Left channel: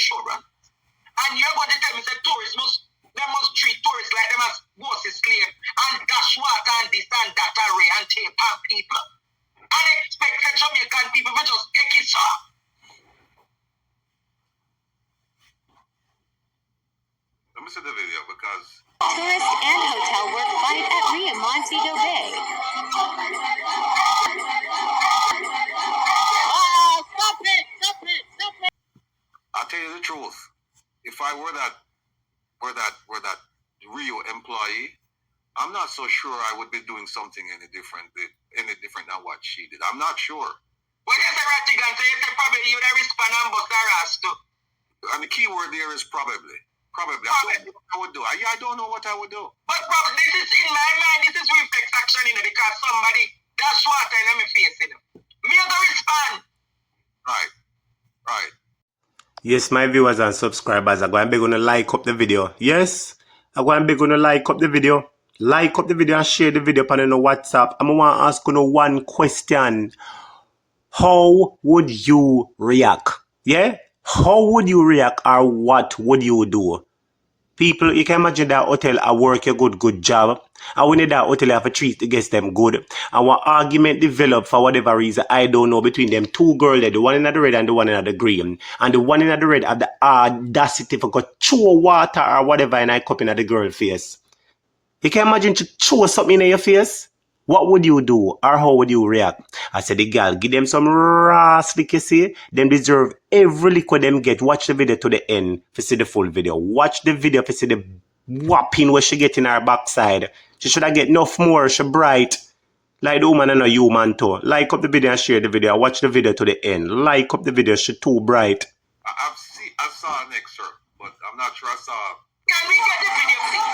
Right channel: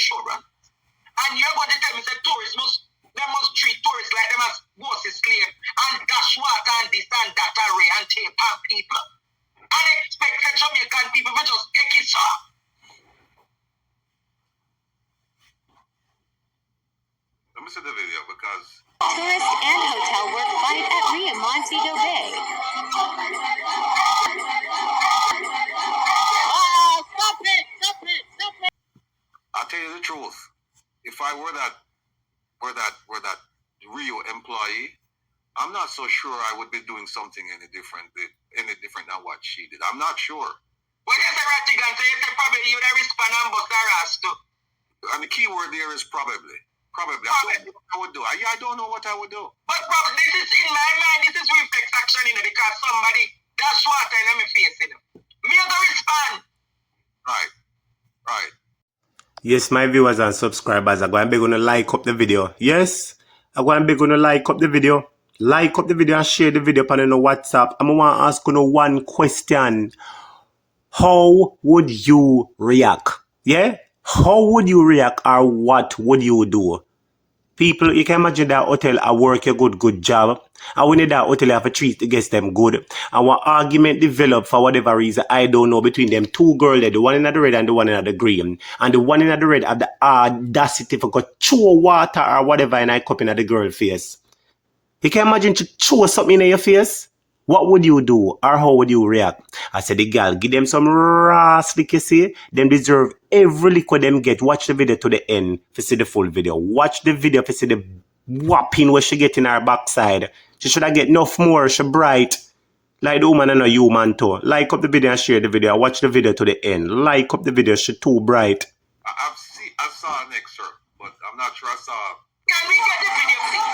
insurance. And you're going to tell me that tourists must treat tourists like them as bosses claim and dash water and this and that array and tape on people. And expect the Jamaican people to just take it up. Let me see the video because tourist and hotel work fight at Rio Montego Bay. Stop it! I'll tell you the truth. If I were that Rio employee, I'm not so sure I would be doing something any different than what she did. I'm not sure. Well, yes, Ratigan, so you probably you would respond and bust her ass too. And the key word there is probably. Probably. I don't know what I would do. I don't know what I would do. But probably, this is in my mind, this is reflex action, because somebody dash water in my face, Me have to respond. Right. Yes, my viewers and subscribers, I'm going to like up the video. Yes, I'm going to like up the video. Like up the video and share the video on WhatsApp. I'm going to ask you one question. How would you react? Yeah? How would you react or what would you do? People, you can imagine that hotel I work a good job. And when that hotel have to treat the guests them good. And one argument develop for whatever reason, I don't know, between them two girls, the one in the red and the one in the green. And the one in the red have the audacity for go chew water or whatever in a cup in the girl face. You can imagine to chew something in your face? What would you do or how would you react? I said, the girl, give them some raw lick, you see. Them deserve every liquid them get. Watch the video to the end to see the full video. Watch the video to see the whopping where she get in her backside. She should have get enough more. She bright. Like the woman and a human too. Like up the video and share the video. Watch the video to the end. Like up the video. She too bright. I saw an excerpt, but I'm not sure I saw. Can we get the video, please?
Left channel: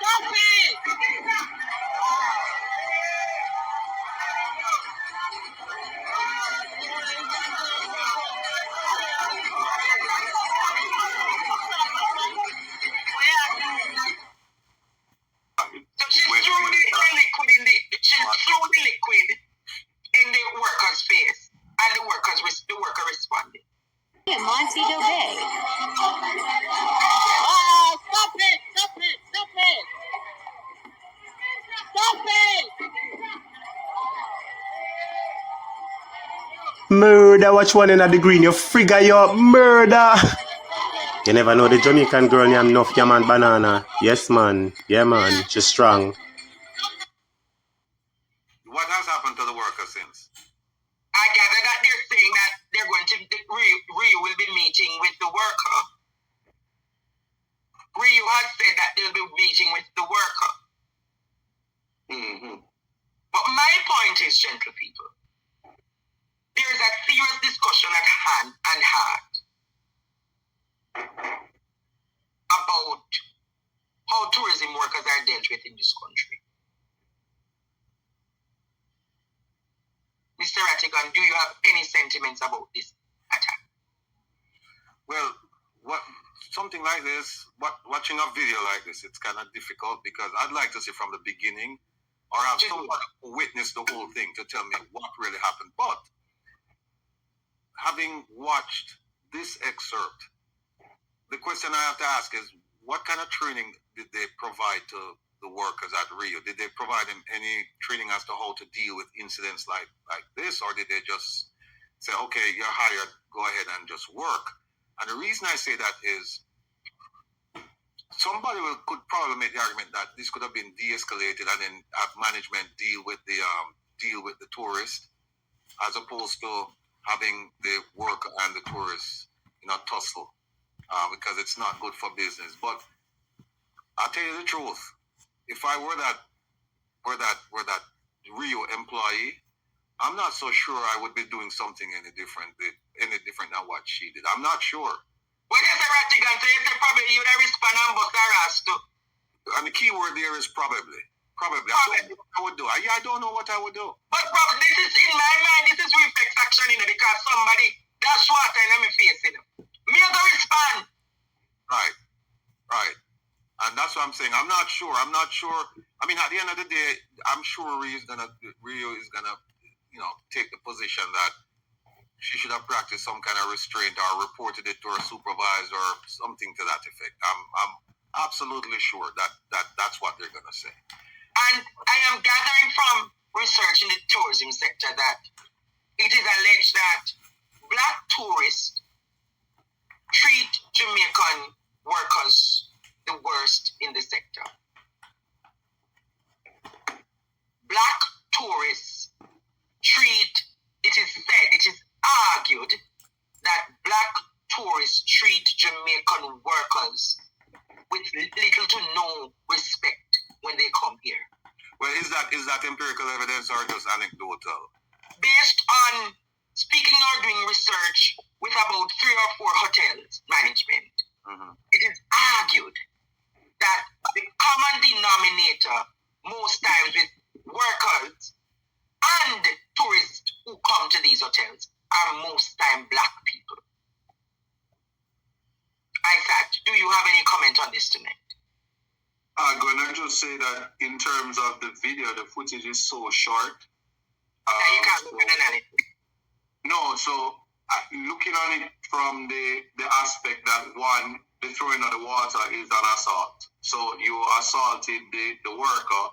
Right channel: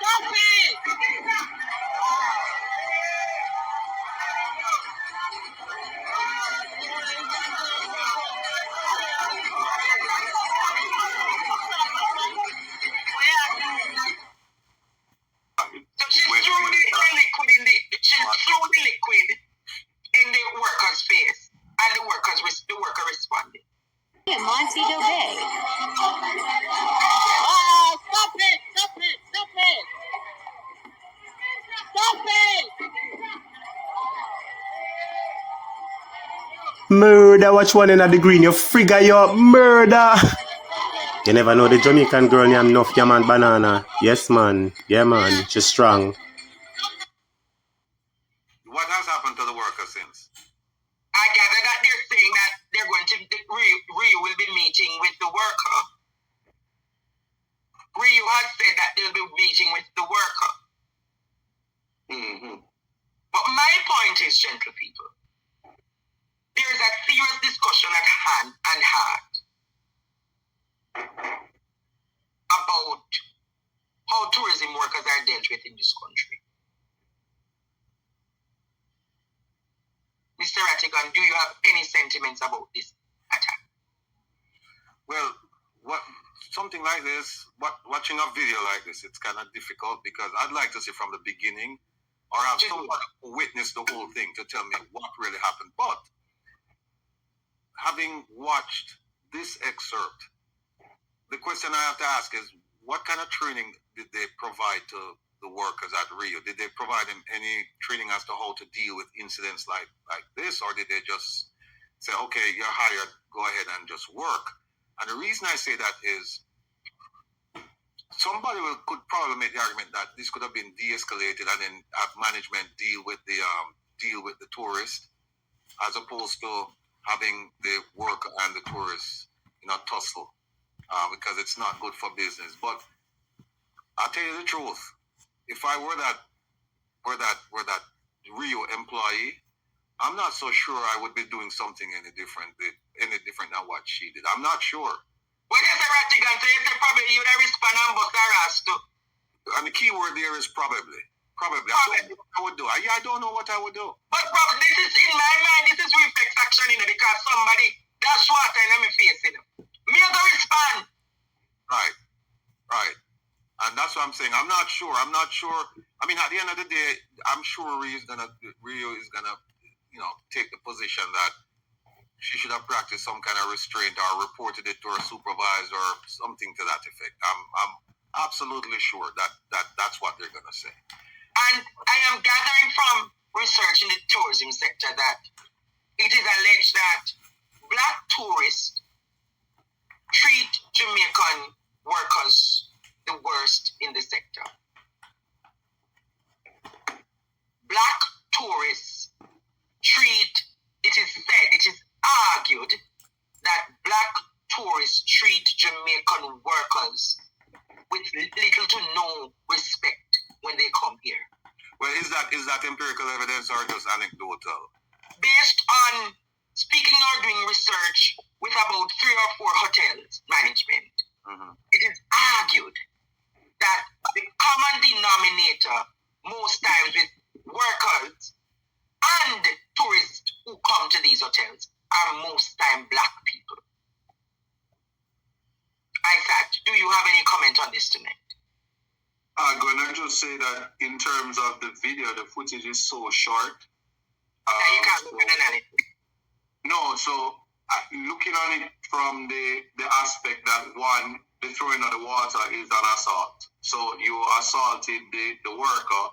Stop it! She threw the liquid in the worker's face, and the worker responded. Rio Montego Bay. Stop it! Murder, watch one in the green. You figure your murder. You never know the Jamaican girl named Enough Yaman Banana. Yes, man. Yeah, man. She's strong. What has happened to the worker since? I gather that they're saying that they're going to, Rio will be meeting with the worker. Rio has said that they'll be meeting with the worker. But my point is, gentle people, there is a serious discussion at hand and heart about how tourism workers are dealt with in this country. Mr. Ratigan, do you have any sentiments about this attack? Well, something like this, watching a video like this, it's kind of difficult because I'd like to see from the beginning or have somebody witness the whole thing to tell me what really happened. But having watched this excerpt, the question I have to ask is, what kind of training did they provide to the workers at Rio? Did they provide them any training as to how to deal with incidents like this, or did they just say, okay, you're hired, go ahead and just work? And the reason I say that is somebody could probably make the argument that this could have been de-escalated and then have management deal with the tourist, as opposed to having the worker and the tourist, tussle, because it's not good for business. But I'll tell you the truth. If I were that Rio employee, I'm not so sure I would be doing something any different than what she did. I'm not sure. Well, yes, Ratigan, so you probably you would respond and bust her ass too. And the key word there is probably. I don't know what I would do. I don't know what I would do. But probably this is in my mind, this is reflex action, because somebody dash water in my face, Me have to respond. Right. And that's what I'm saying. I'm not sure. I mean, at the end of the day, I'm sure Rio is gonna, take the position that she should have practiced some kind of restraint or reported it to her supervisor or something to that effect. I'm absolutely sure that's what they're gonna say. And I am gathering from research in the tourism sector that it is alleged that black tourists treat Jamaican workers the worst in the sector. Black tourists it is argued that black tourists treat Jamaican workers with little to no respect when they come here. Well, is that empirical evidence or just anecdotal? Based on speaking or doing research with about 3 or 4 hotels management, it is argued that the common denominator most times with workers and tourists who come to these hotels are most time black people. Isaac, do you have any comment on this tonight? I'm gonna just say that in terms of the video, the footage is so short. You can't look at anything. No, so looking on it from the aspect that one, the throwing of the water is an assault. So you assaulted the worker,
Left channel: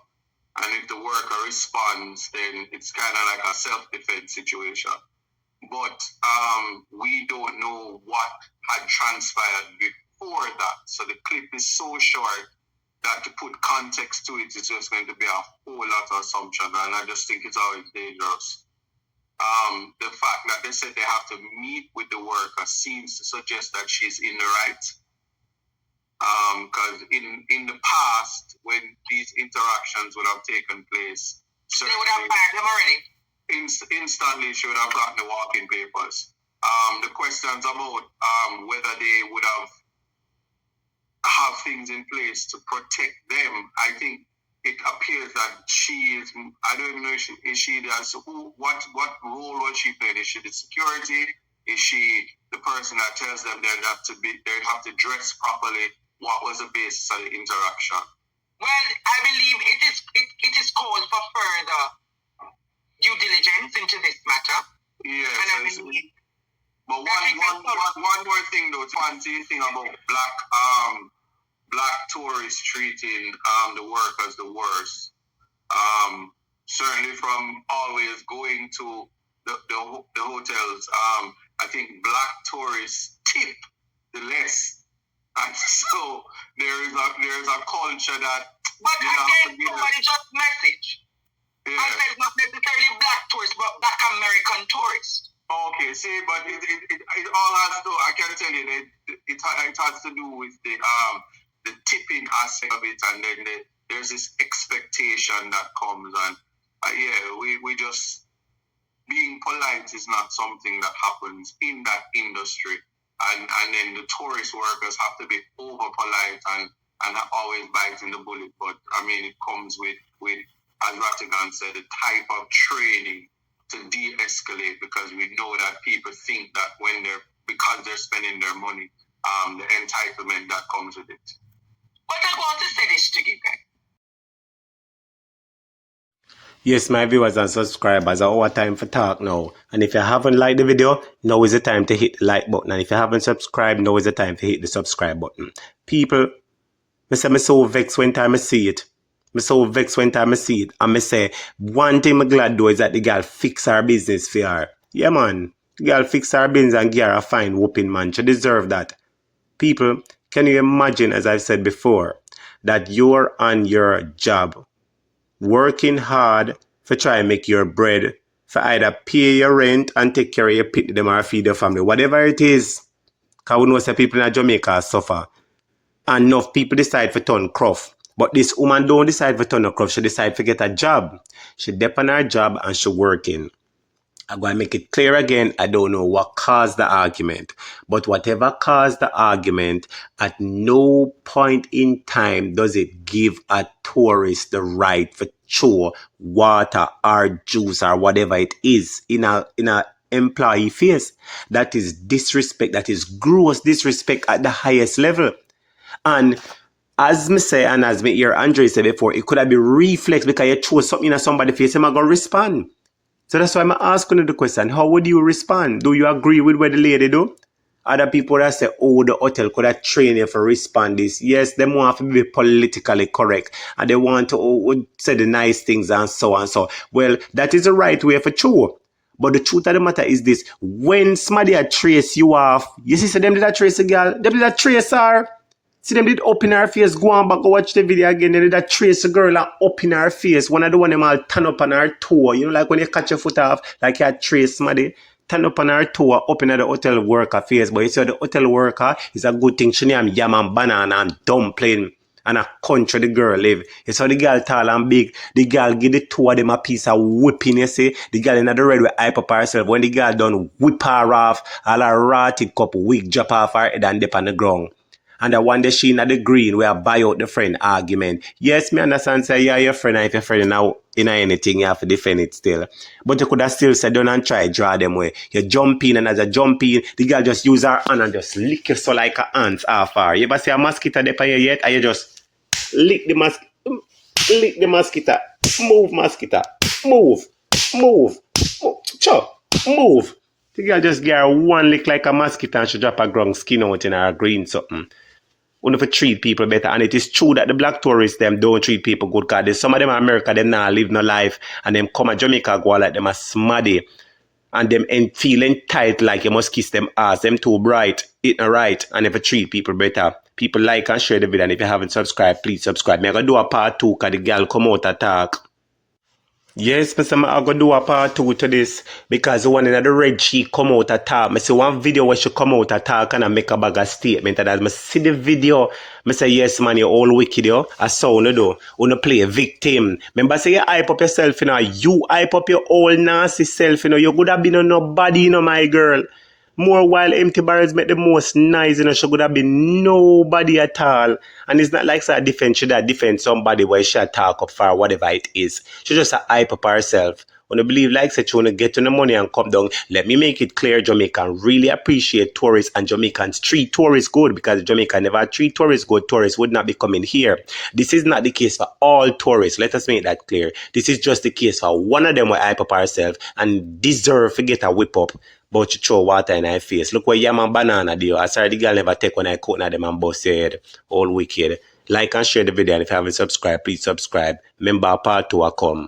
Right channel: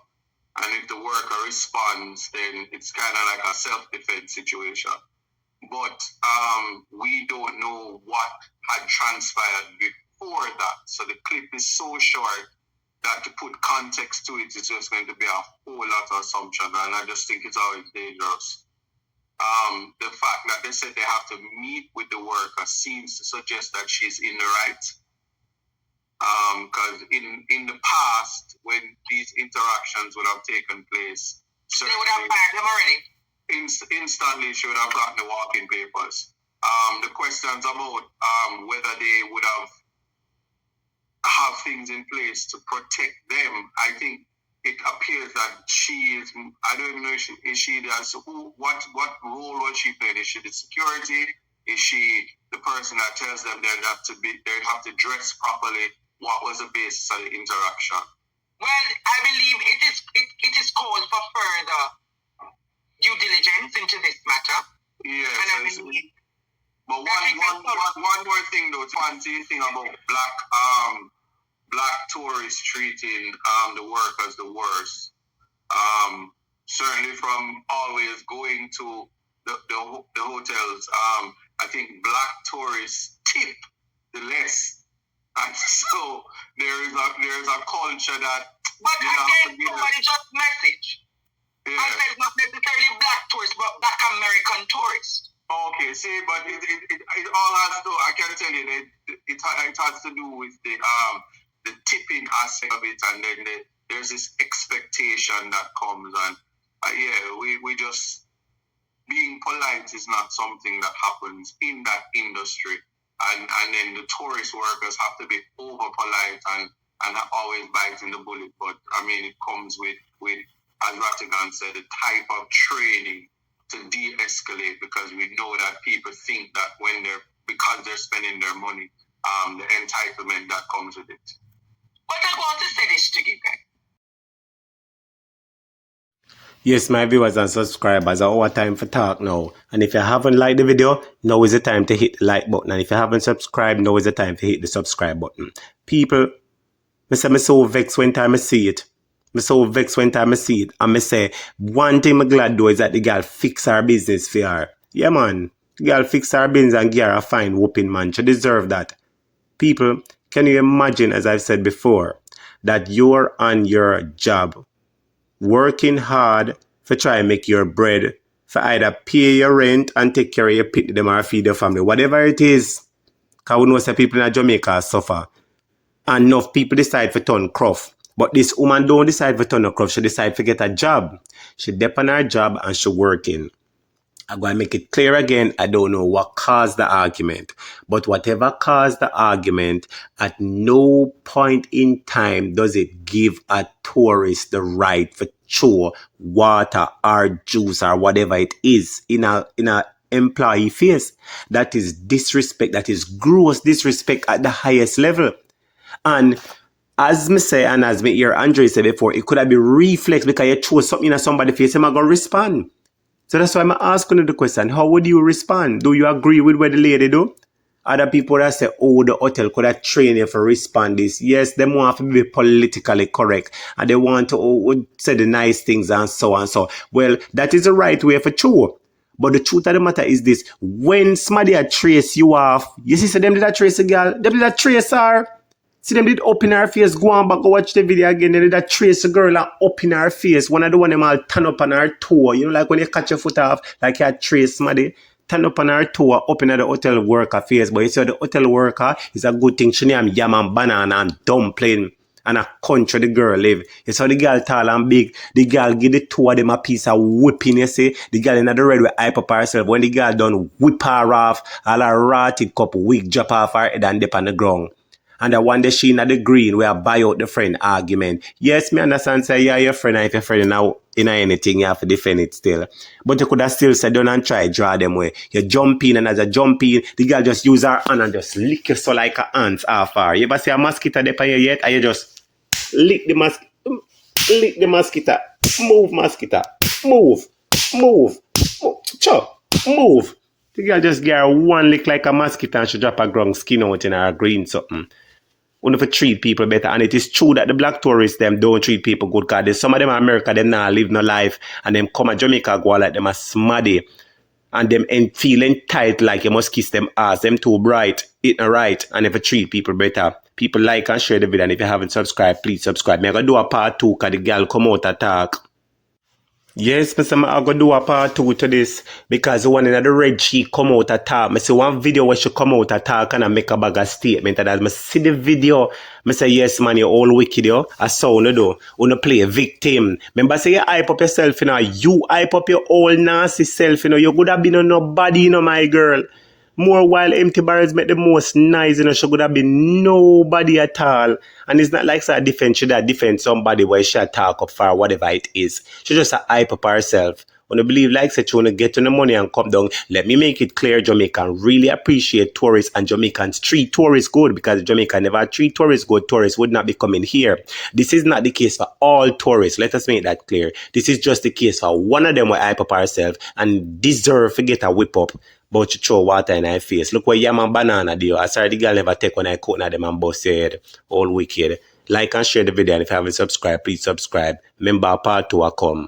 and if the worker responds, then it's kind of like a self-defense situation. But we don't know what had transpired before that. So the clip is so short that to put context to it is just going to be a whole lot of assumption, and I just think it's always dangerous. The fact that they said they have to meet with the worker seems to suggest that she's in the right. Because in the past, when these interactions would have taken place, they would have fired them already. Instantly, she would have gotten the walking papers. The questions about whether they would have things in place to protect them, I think it appears that she is, I don't even know if she does, what role was she playing? Is she the security? Is she the person that tells them they have to dress properly? What was the basis of the interaction? Well, I believe it is called for further due diligence into this matter. Yes. And I believe but one more thing though, fancy thing about black tourists treating the workers the worst. Certainly from always going to the hotels, I think black tourists tip the less. And so there is a culture that. But again, somebody just message. Yeah. I said not necessarily black tourists, but black American tourists. Okay, see, but it all has to. I can tell you that it has to do with the tipping aspect of it, and then there's this expectation that comes, and we just being polite is not something that happens in that industry, and then the tourist workers have to be over polite and always biting the bullet. But I mean, it comes with as Rattigan said, the type of training to de-escalate, because we know that people think that because they're spending their money, the entitlement that comes with it. But I want to say this to you guys. Yes, my viewers and subscribers, our time for talk now. And if you haven't liked the video, now is the time to hit the like button. And if you haven't subscribed, now is the time to hit the subscribe button. People, I'm so vexed when time I see it. I'm so vexed when time I see it. And I say, one thing I'm glad though is that the girl fix her business for her. Yeah, man. The girl fix her business and give her a fine whooping, man. She deserve that. People, can you imagine, as I've said before, that you're on your job, working hard for try and make your bread, for either pay your rent and take care of your pit them or feed your family, whatever it is. Because we know some people in Jamaica suffer. And enough people decide to turn cruff. But this woman don't decide to turn a cruff. She decide to get a job. She depend on her job and she working. I'm going to make it clear again, I don't know what caused the argument. But whatever caused the argument, at no point in time does it give a tourist the right to throw water or juice or whatever it is in a employee face. That is disrespect. That is gross disrespect at the highest level. And as me say and as me hear Andre say before, it could have been reflex because you throw something in somebody's face, I'm going to respond. So that's why I'm asking you the question. How would you respond? Do you agree with what the lady do? Other people that say, oh, the hotel could have trained you for respond this. Yes, they want to be politically correct. And they want to say the nice things and so and so. Well, that is the right way for true. But the truth of the matter is this. When somebody trace you off, you see them did that trace a girl, them did that trace her. See them did up in her face, go on back, go watch the video again, they did that trace a girl up in her face. One of the one them all turn up on her toe. You know, like when you catch your foot off, like you trace somebody. Turn up on her toe, up in the hotel worker face. But you see the hotel worker is a good thing. She name yam and banana and dumpling and a country the girl live. You saw the girl tall and big. The girl give the two of them a piece of whipping, you see. The girl in the red will hype up herself. When the girl done whip her off, all her rotted cup wig drop off her head and dip on the ground. And the one that she in the green where I buy out the friend argument. Yes, me understand say yeah, your friend, if your friend now in anything, you have to defend it still. But you could have still said don't and try draw them way. You jump in and as a jump in, the girl just use her hand and just lick you so like a ants off her. You ever see a mosquito there for you yet? And you just lick the mosquito. Move mosquito. Move. Chop. Move. The girl just get her one lick like a mosquito and she drop her ground skin out in her green something. We have to treat people better. And it is true that the black tourists, them don't treat people good because some of them in America, them not live no life. And them come to Jamaica, go like them a smaddy. And them feeling tight like you must kiss them ass. Them too bright, it not right. And if you treat people better. People like and share the video. And if you haven't subscribed, please subscribe. I'm going to do a part 2 because the girl come out and talk. Yes, Mr. I'm going to do a part 2 to this because the one in the red she come out and talk. I see one video where she come out and talk and I make a bag of statement. And as I see the video, I say, yes, man, you're all wicked, yo. I saw you do. You play a victim. Remember, say you hype up yourself, you know. You hype up your old nasty self, you know. You could have been on nobody, you know, my girl. More while empty barrels make the most nice, you know, she could have been nobody at all. And it's not like she defend somebody where she talk up for whatever it is. She just a hype up herself. When you believe like such, you want to get to the money and come down, let me make it clear, Jamaican really appreciate tourists and Jamaicans treat tourists good because Jamaica never treat tourists good. Tourists would not be coming here. This is not the case for all tourists. Let us make that clear. This is just the case for one of them will hype up herself and deserve to get a whip up. But you throw water in her face. Look where yam and banana do. I sorry the girl never take when I cut them and bust your head. All wicked. Like and share the video and if you haven't subscribed, please subscribe. Remember part 2 will come.